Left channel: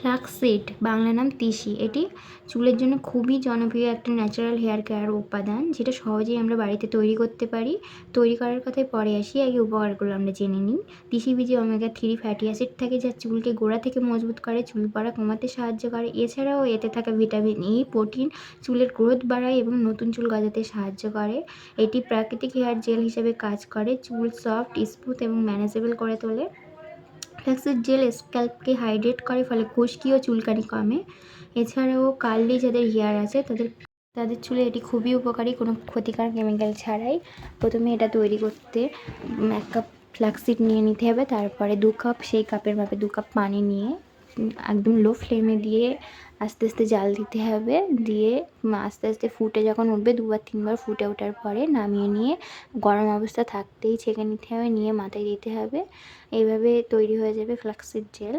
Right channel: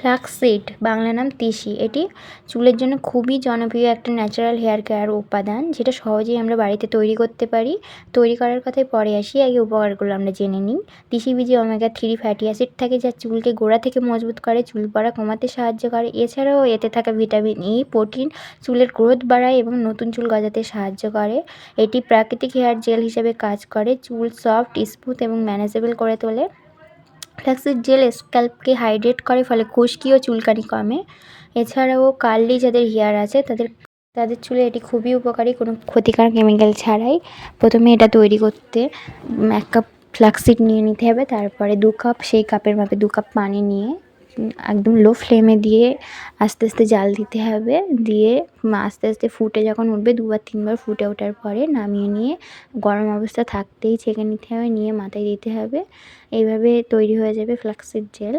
ফ্লাক্সসিড বাংলা নাম তিসি। এটি চুলের জন্য খুবই জনপ্রিয় একটা ন্যাচারাল হেয়ার কেয়ার উপাদান, যেটা সহজেই আমরা বাড়িতে তৈরি করতে পারি। তৈরি করার কথায় পরে আসি, আগে উপকারগুলো আমরা জেনে নিই। তিসি বীজে ওমেগা-3 ফ্যাটি অ্যাসিড থাকে, যা চুলকে গোড়া থেকে মজবুত করে, চুল পড়া কমাতে সাহায্য করে। এছাড়াও এতে থাকা ভিটামিন ই প্রোটিন চুলের গ্রোথ বাড়ায় এবং নতুন চুল গজাতে সাহায্য করে। এটি প্রাকৃতিক হেয়ার জেল হিসেবে কাজ করে, চুল সফট, স্মুথ এবং ম্যানেজেবল করে তোলে। ফ্ল্যাক্সিড জেল স্ক্যাল্পকে হাইড্রেট করে, ফলে খুশকি ও চুলকানি কমে। এছাড়াও কার্লি যাদের হেয়ার আছে তাদের চুলে এটি খুবই উপকারী, কোনো ক্ষতিকর কেমিক্যাল ছাড়াই। প্রথমে এটা তৈরি করতে 1 কাপ ফ্ল্যাক্সিড নিয়ে নিতে হবে, তারপরে 2 কাপ, সেই কাপের মাপে 2 কাপ পানি নিয়ে একদম লো ফ্লেমে দিয়ে আস্তে আস্তে জাল দিতে হবে। দিয়ে আস্তে আস্তে ফুটে যখন উঠবে, 2 বার 3 বার ফুটে ওঠার পরে নামিয়ে নিয়ে গরম অবস্থা থাকতেই ছেঁকে নিতে হবে, নিয়ে মাথায় দিতে হবে। এইভাবে তৈরি হয়ে যাবে ফ্ল্যাক্সিড জেল।